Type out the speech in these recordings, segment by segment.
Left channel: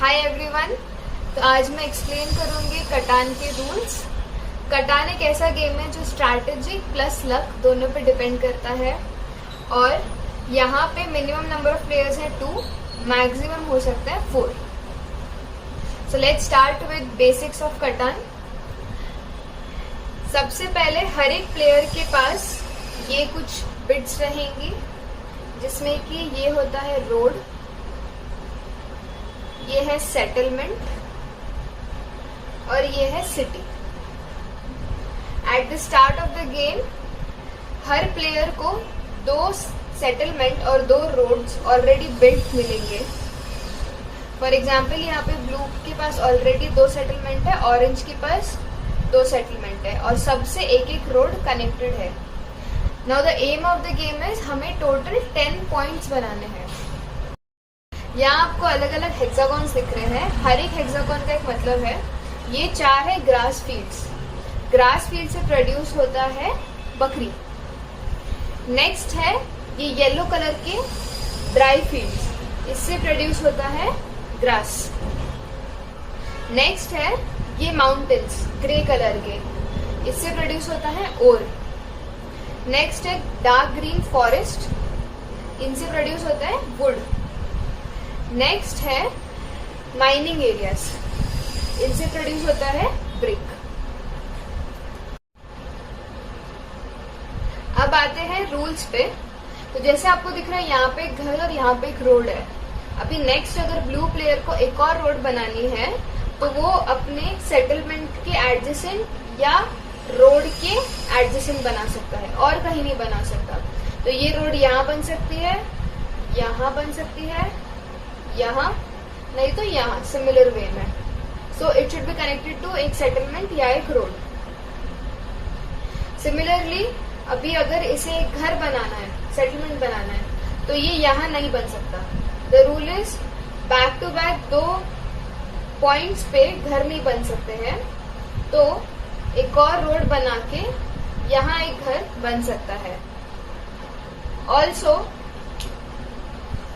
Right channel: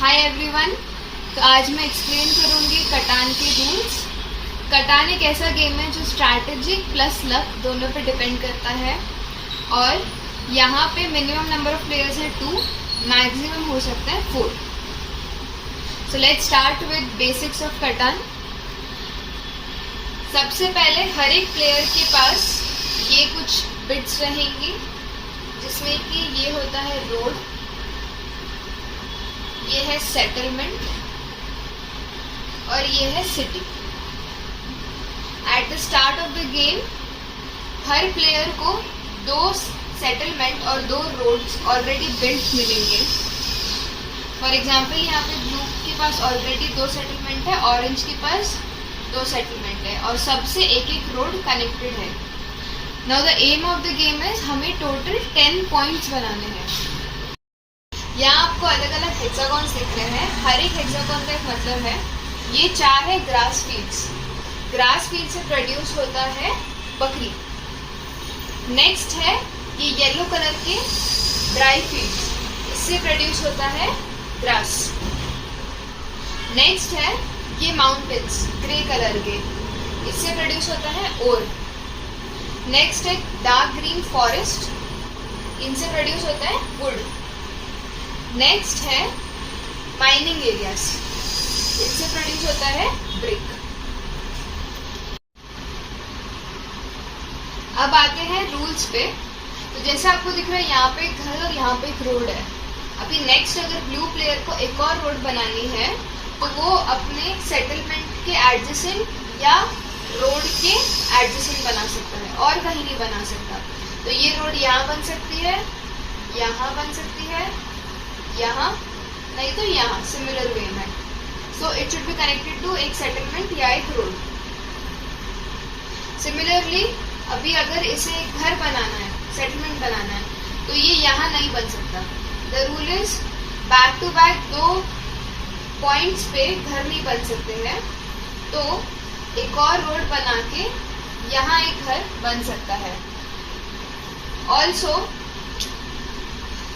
Hi everyone. तो आज मैं एक्सप्लेन करूंगी कटान के रूल्स। कटान एक ऐसा गेम है जो स्ट्रैटेजिक प्लस लक दोनों पे डिपेंड करता है और यहाँ पे मिनिमम नंबर ऑफ प्लेयर्स है 2, मैक्सिमम हो सकता है 4। So let's start with basics of कटान। सबसे पहले हर एक प्लेयर के पास ये कुछ बिट्स रहेंगी जिसमें कि ये होता है रोड, ये है सेटलमेंट और ये है city. At the start of the game हर प्लेयर को 2 सेटलमेंट और 2 रोड्स ऑलरेडी बिल्ट मिलेंगे। फॉर एग्जाम्पल यहाँ पे ब्लू के पास ऑलरेडी 2 सेटलमेंट है, ऑरेंज के पास 2 सेटलमेंट है और सबसे एक एक रोड कनेक्टेड है। Now the aim of the game is हमें टोटल 10 पॉइंट्स बनाने हैं। यहाँ आपको अलग अलग हेक्सागॉन्स दिख रहे हैं। हर एक हेक्सागॉन का एक मतलब है। ये 4 है ग्रास फील्ड्स। ग्रास फील्ड से प्रोड्यूस होता है बकरी। नेक्स्ट है ये येलो कलर के ड्राई फील्ड्स, इससे प्रोड्यूस होता है ग्रास। नेक्स्ट है ये माउंटेन्स ग्रे कलर के, इससे प्रोड्यूस होता है ओर। नेक्स्ट है डार्क ग्रीन फॉरेस्ट, इनसे प्रोड्यूस होता है वुड। नेक्स्ट है माइनिंग एरियाज, इनसे प्रोड्यूस होता है ब्रिक। अब आते हैं रूल्स पे। तो जैसे आपको दिख रहा है यहाँ पे एक घर और यहाँ पे एक रोड है। अभी नेक्स्ट अगर ब्लू प्लेयर को एक और रोड बनानी है तो वो अपने सेटलमेंट के एडजेसेंट या रोड के एडजेसेंट बना सकता है और कहीं नहीं बना सकता। तो ये रोड यहाँ बन सकती है, यहाँ बन सकती है, यहाँ नहीं तो यहाँ, सिमिलर वे में। So it should be connected to एक सेटलमेंट या एक रोड। सिमिलरली अभी अगर इसे एक घर बनाना है, सेटलमेंट बनाना है, तो ये यहाँ नहीं बन सकता। The rule is back to back 2 points पे घर नहीं बन सकते हैं। तो एक और रोड बना के यहाँ एक घर बन सकता है। ऑल्सो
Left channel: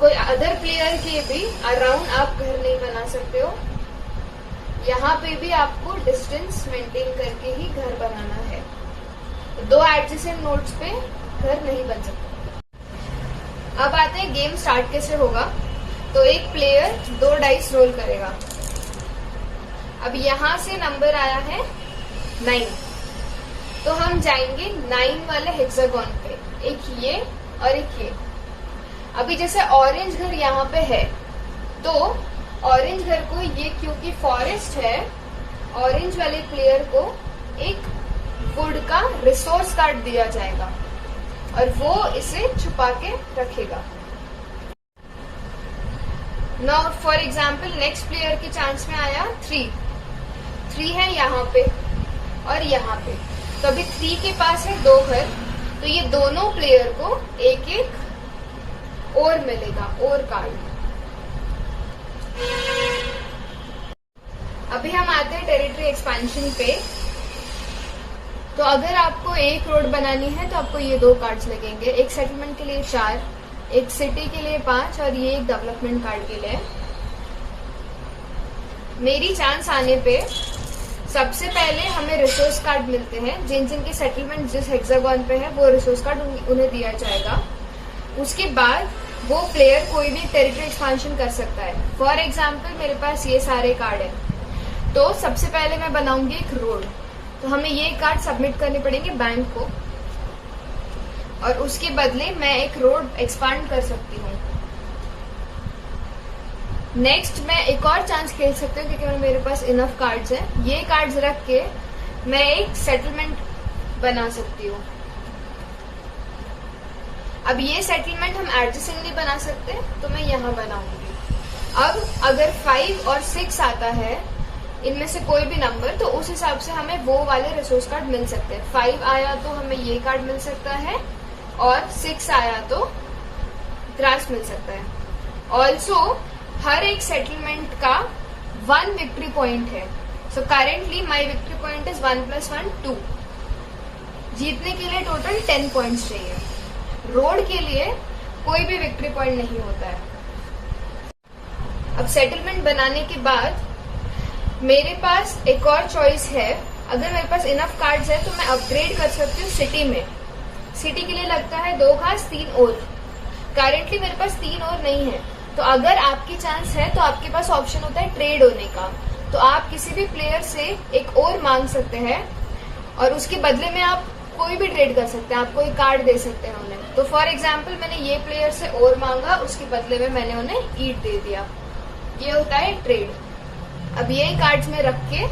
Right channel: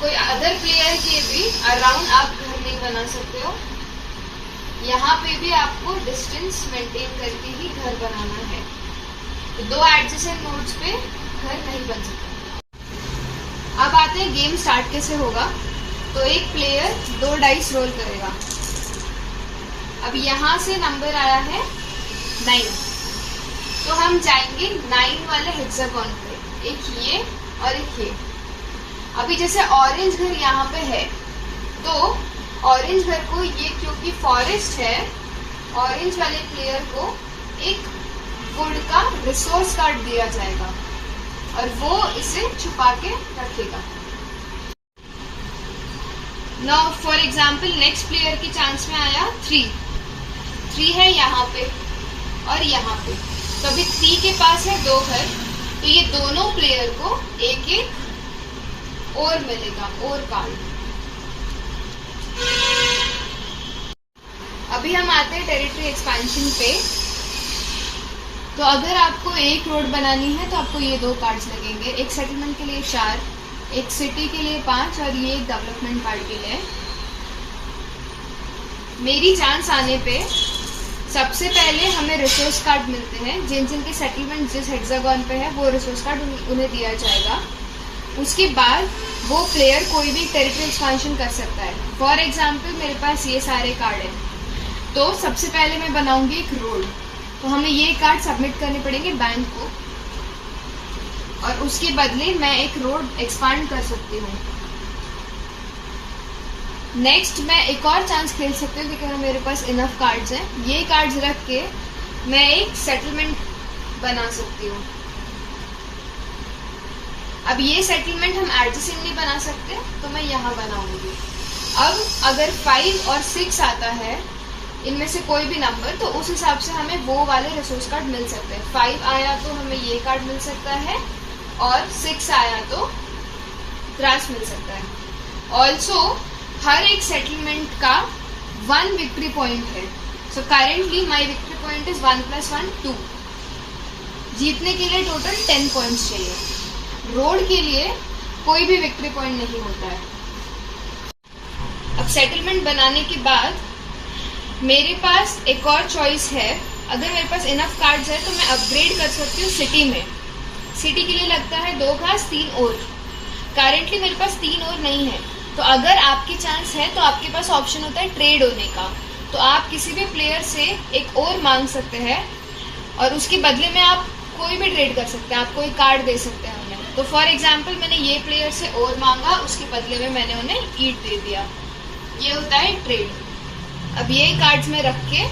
कोई अदर प्लेयर के भी अराउंड आप घर नहीं बना सकते हो। यहाँ पे भी आपको डिस्टेंस मेंटेन करके ही घर बनाना है। तो 2 एडजेसेंट नोड्स पे घर नहीं बन सकता। अब आते हैं गेम स्टार्ट कैसे होगा। तो एक प्लेयर 2 डाइस रोल करेगा। अब यहाँ से नंबर आया है 9, तो हम जाएंगे 9 वाले हेक्सागॉन पे, एक ये और एक ये। अभी जैसे ऑरेंज घर यहाँ पे है तो ऑरेंज घर को ये क्योंकि फॉरेस्ट है, ऑरेंज वाले प्लेयर को एक वुड का रिसोर्स कार्ड दिया जाएगा और वो इसे छुपा के रखेगा। Now for example next player की चांस में आया 3 है यहाँ पे और यहाँ पे। तो अभी 3 के पास है 2 घर, तो ये दोनों प्लेयर को एक एक और मिलेगा, और कार्ड। अभी हम आते हैं टेरिटरी एक्सपेंशन पे। तो अगर आपको एक रोड बनानी है तो आपको ये 2 कार्ड्स लगेंगे, एक सेटलमेंट के लिए 4, एक सिटी के लिए 5 और ये एक डेवलपमेंट कार्ड के लिए। मेरी चांस आने पे सबसे पहले हमें रिसोर्स कार्ड मिलते हैं। जिन जिनके सेटलमेंट जिस हेक्सागॉन पे है वो रिसोर्स कार्ड उन्हें दिया जाएगा। उसके बाद वो प्लेयर कोई भी टेरिटरी एक्सपेंशन कर सकता है। फॉर एग्जाम्पल मेरे पास ये सारे कार्ड हैं, तो सबसे पहले मैं बनाऊंगी एक रोड। तो हमें ये कार्ड सबमिट करने पड़ेंगे बैंक को और उसके बदले मैं एक रोड एक्सपांड कर सकती हूँ। नेक्स्ट मैं एक और चांस खेल सकती हूँ क्योंकि मेरे पास इनफ कार्ड्स हैं। ये कार्ड्स रख के मैं एक सेटलमेंट बना सकती हूँ। अब ये सेटलमेंट हम एडजेसेंट नहीं बना सकते तो मैं यहाँ बनाऊंगी। अब अगर 5 और 6 आता है, इनमें से कोई भी नंबर, तो उस हिसाब से हमें वो वाले रिसोर्स कार्ड मिल सकते हैं। 5 आया तो हमें ये कार्ड मिल सकता है और 6 आया तो ग्रास मिल सकता है। ऑल्सो हर एक सेटलमेंट का 1 विक्ट्री पॉइंट है। So currently my victory point is 1 + 1 2। जीतने के लिए टोटल 10 पॉइंट्स चाहिए। रोड के लिए कोई भी विक्ट्री पॉइंट नहीं होता है। अब सेटलमेंट बनाने के बाद मेरे पास एक और चॉइस है, अगर मेरे पास इनफ कार्ड्स है तो मैं अपग्रेड कर सकती हूँ सिटी में। सिटी के लिए लगता है 2 घास 3 और। करेंटली मेरे पास 3 और नहीं है, तो अगर आपकी चांस है तो आपके पास ऑप्शन होता है ट्रेड होने का। तो आप किसी भी प्लेयर से एक और मांग सकते हैं और उसके बदले में आप कोई भी ट्रेड कर सकते हैं, आप कोई कार्ड दे सकते हैं उन्हें। तो फॉर एग्जाम्पल मैंने ये प्लेयर से और मांगा, उसके बदले में मैंने उन्हें ईट दे दिया, ये होता है ट्रेड। अब ये कार्ड्स में रख के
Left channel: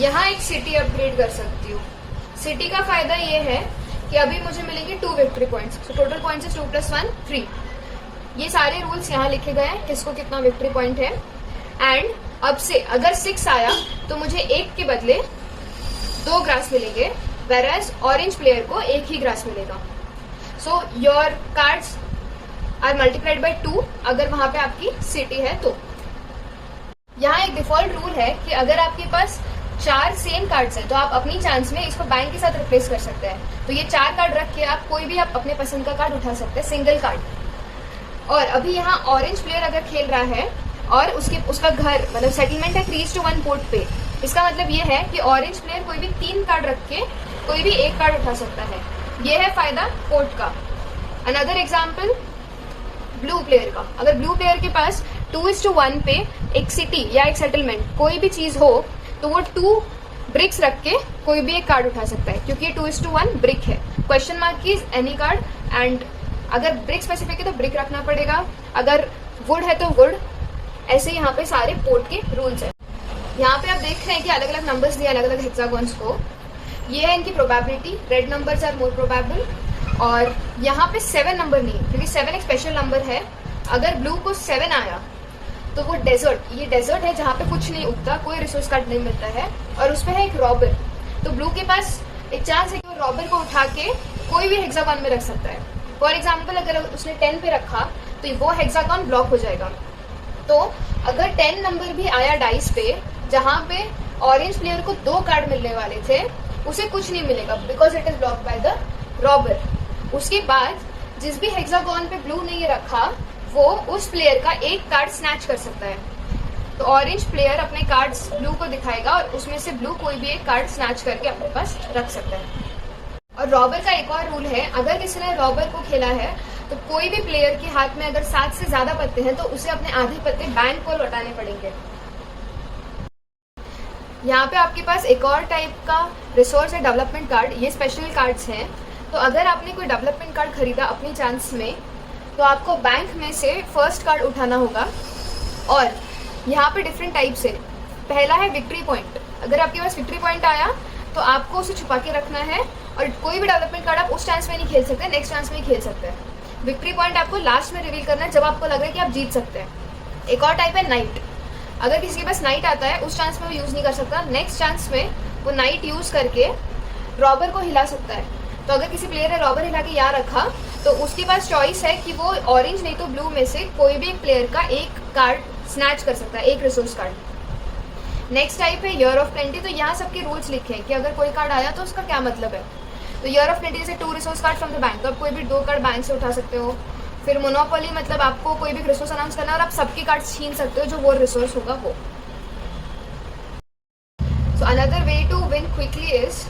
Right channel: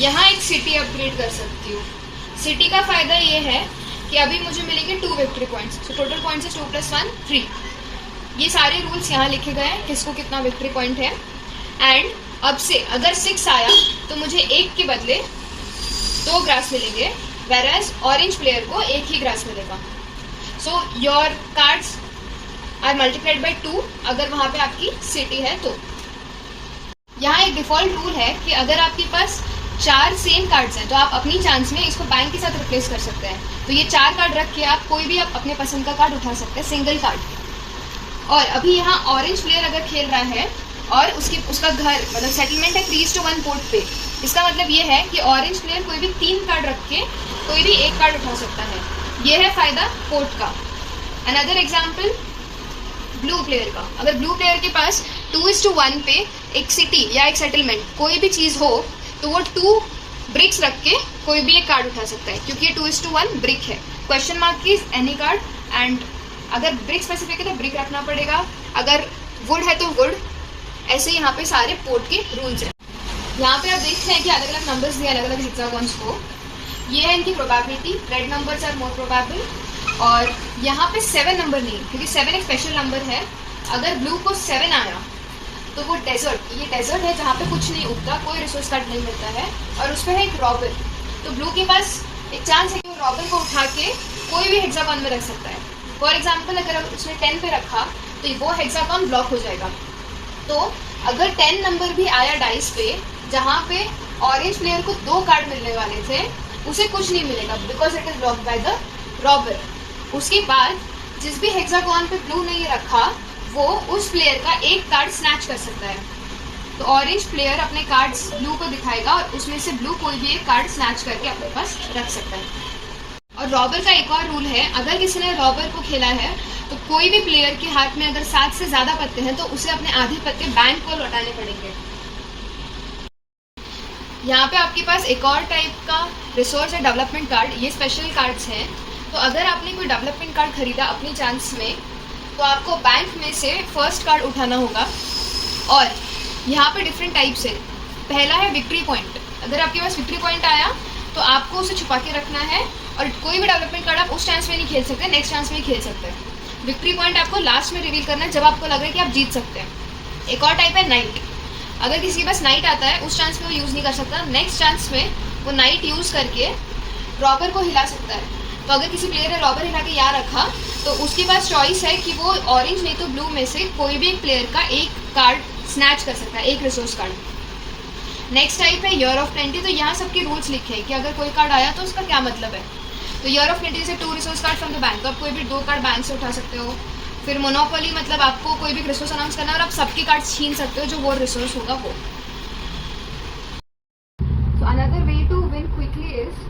यहाँ एक सिटी अपग्रेड कर सकती हूँ। सिटी का फायदा ये है कि अभी मुझे मिलेंगे 2 victory points, so total points है 2 + 1 3। ये सारे रूल्स यहाँ लिखे गए हैं, किसको कितना विक्ट्री पॉइंट है। एंड अब से अगर 6 आया तो मुझे 1 के बदले 2 ग्रास मिलेंगे, वेराज ऑरेंज प्लेयर को 1 ही ग्रास मिलेगा। So your cards are multiplied by 2 अगर वहां पे आपकी सिटी है तो। यहाँ एक डिफॉल्ट रूल है कि अगर आपके पास 4 सेम कार्ड्स हैं तो आप अपनी चांस में इसको बैंक के साथ रिप्लेस कर सकते हैं। तो ये 4 कार्ड रख के आप कोई भी आप अपने पसंद का कार्ड उठा सकते हैं, सिंगल कार्ड। और अभी यहाँ ऑरेंज प्लेयर अगर खेल रहा है और उसका घर मतलब सेटलमेंट है 3:1 पोर्ट पे, इसका मतलब ये है कि ऑरेंज प्लेयर कोई भी 3 कार्ड रख के कोई भी 1 कार्ड उठा सकता है। ये है फायदा पोर्ट का। अनदर एग्जाम्पल ब्लू प्लेयर का, अगर ब्लू प्लेयर के पास 2:1 पे एक सिटी या एक सेटलमेंट कोई भी चीज हो तो वो 2 ब्रिक्स रख के कोई भी एक कार्ड उठा सकता है, क्योंकि ये 2:1 ब्रिक है। क्वेश्चन मार्क की एनी कार्ड, एंड अगर ब्रिक स्पेसिफिक है तो ब्रिक रखना पड़ेगा, अगर वुड है तो वुड। ऐसे यहाँ पे सारे पोर्ट के रूल्स हैं। यहाँ पे आप देख रहे हैं कि अलग अलग नंबर्स दिए अलग अलग हेक्सागॉन्स को। ये है इनकी probability, red numbers are more probable. और यहाँ पे 7 नंबर नहीं, क्योंकि 7 एक स्पेशल नंबर है। अगर ब्लू को 7 आया तो वो डेजर्ट, ये डेजर्ट है जहाँ पे कुछ नहीं उगता, कोई रिसोर्स कार्ड नहीं मिलता है, और उस पर है एक रॉबर। तो ब्लू के पास एक चांस है कि वो रॉबर को उठा के कोई भी हेक्सागॉन में रख सकता है। फॉर एग्जाम्पल अगर उसने 10 पे रखा तो वो हेक्सागॉन ब्लॉक हो जाएगा। तो अगर 10 नंबर भी आया डाइस पे जहाँ पे ऑरेंज प्लेयर को 2 कार्ड मिलने वाले थे, उसे कुछ नहीं मिलेगा because it is blocked by the robber. उसके बाद जिस भी हेक्सागॉन पे ब्लू ने ये रखा वो उस प्लेयर का 1 कार्ड स्नैच कर सकता है। तो ऑरेंज प्लेयर अपने कार्ड्स ब्लू को दिखाएगा और उसमें से ब्लू कोई भी एक कार्ड स्नैच करके अपने पास रख सकता है। और रॉबर का एक और रूल है, अगर किसी ने रॉबर को खेला है तो कोई भी प्लेयर के हाथ में अगर 7 से ज्यादा पत्ते हैं तो उसे अपने आधे पत्ते बैंक को लौटाने पड़ेंगे। यहाँ पे आपके पास एक और टाइप का रिसोर्स है डेवलपमेंट कार्ड। ये स्पेशल कार्ड्स हैं। तो अगर आपने कोई डेवलपमेंट कार्ड खरीदा अपनी चांस में तो आपको बैंक में से फर्स्ट कार्ड उठाना होगा। और यहाँ पे डिफरेंट टाइप्स है। पहला है विक्ट्री पॉइंट। अगर आपके पास विक्ट्री पॉइंट आया तो आपको उसे छुपा के रखना है और कोई भी डेवलपमेंट कार्ड आप उस चांस में नहीं खेल सकते, नेक्स्ट चांस में ही खेल सकते हैं। विक्ट्री पॉइंट आपको लास्ट में रिवील करना है जब आपको लग रहा है कि आप जीत सकते हैं। एक और टाइप है नाइट। अगर किसी के पास नाइट आता है उस चांस में वो यूज़ नहीं कर सकता, नेक्स्ट चांस में वो नाइट यूज़ करके रॉबर को हिला सकता है। तो अगर किसी प्लेयर ने रॉबर हिला के यहाँ रखा तो उसके पास चॉइस है कि वो ऑरेंज नहीं तो ब्लू में से कोई भी एक प्लेयर का 1 कार्ड स्नैच कर सकता है, 1 रिसोर्स कार्ड। नेक्स्ट टाइप है ईयर ऑफ प्लेंटी। तो यहाँ सबके रूल्स लिखे हैं कि अगर कोई कार्ड आया तो उसका क्या मतलब है। तो ईयर ऑफ प्लेंटी से 2 resource card from the bank, तो आप कोई भी 2 कार्ड बैंक से उठा सकते हो। फिर मोनोपोली मतलब आपको कोई भी रिसोर्स अनाउंस करना है और आप सबके कार्ड छीन सकते हो जो वो रिसोर्स होगा वो। So another way to win quickly is,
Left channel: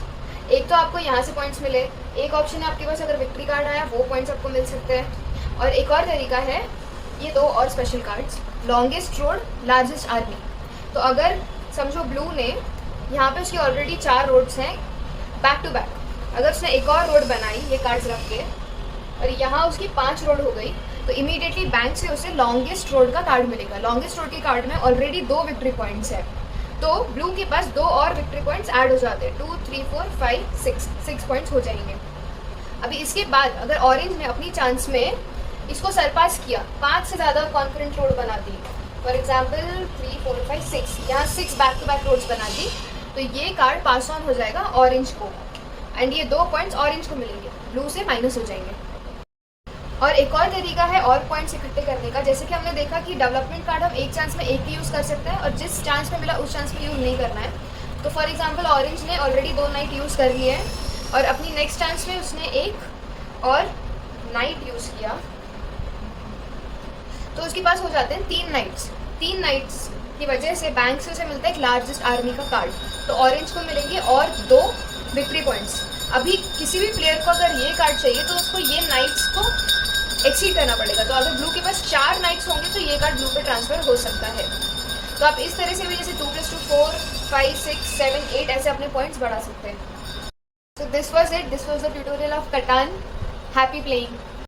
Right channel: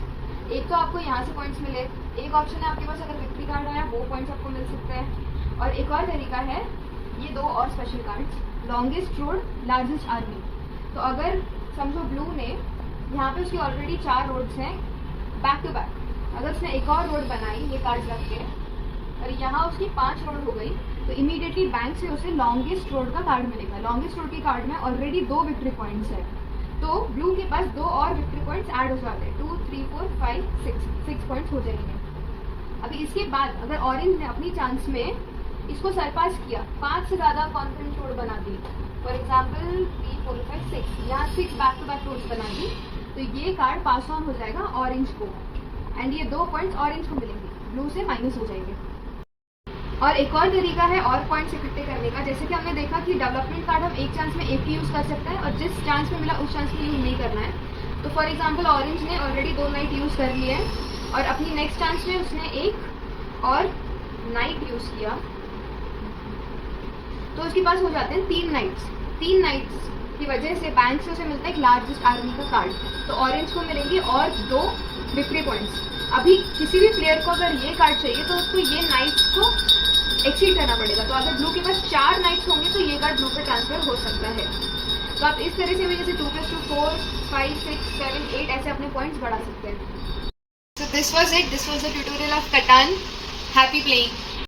एक तो आपको यहाँ से पॉइंट्स मिले, एक ऑप्शन है आपके पास अगर विक्ट्री कार्ड आया वो पॉइंट्स आपको मिल सकते हैं। और एक और तरीका है ये 2 और special cards, longest road largest army. तो अगर समझो ब्लू ने यहाँ पे उसकी ऑलरेडी 4 रोड्स हैं बैक टू बैक, अगर उसने एक और रोड बनाई ये कार्ड्स रख के और यहाँ उसकी 5 रोड हो गई तो इमीडिएटली बैंक से उसे लॉन्गेस्ट रोड का कार्ड मिलेगा। लॉन्गेस्ट रोड के कार्ड में ऑलरेडी 2 विक्ट्री पॉइंट्स है, तो ब्लू के पास 2 और विक्ट्री पॉइंट्स ऐड हो जाते हैं, 2 3 4 5 6 पॉइंट्स हो जाएंगे। अभी इसके बाद अगर ऑरेंज ने अपनी चांस में इसको सरपास किया, 5 से ज़्यादा कॉन्फिडेंट रोड बना दी, फॉर एग्जाम्पल 3 4 5 6, यहाँ 6 बैक टू बैक रोड्स बना दी, तो ये कार्ड पास ऑन हो जाएगा ऑरेंज को एंड ये 2 पॉइंट्स ऑरेंज को मिलेंगे, ब्लू से माइनस हो जाएंगे। और एक और तरीका है और पॉइंट्स इकट्ठे करने का, जैसे कि हमने देखा कि डेवलपमेंट कार्ड हम एक चांस में एक ही यूज़ कर सकते हैं और जिस चांस में मिला उस चांस में यूज़ नहीं करना है। तो फॉर एग्जांपल ऑरेंज ने ऑलरेडी 2 नाइट यूज़ कर लिए हैं और अपनी नेक्स्ट चांस में उसने एक और नाइट यूज़ किया, तो उसके पास हो जाते हैं 3 नाइट्स की वजह से बैंक से उसे मिलता है एक लार्जेस्ट आर्मी का कार्ड। तो ऑरेंज को मिलेंगे और 2 विक्ट्री पॉइंट्स। अभी किसी भी प्लेयर को अगर ये कार्ड चाहिए तो उसको ये नाइट्स को एक्सीड करना पड़ेगा। तो अगर ब्लू के पास 4 नाइट्स होंगे तो ये कार्ड ब्लू पे ट्रांसफर हो सकता है। तो आप इस तरह से भी जैसे 2+2 4 5 6 7 8 ऐसे अपने पॉइंट्स बढ़ा सकते हैं। So this was it. This was the tutorial of Catan. Happy playing.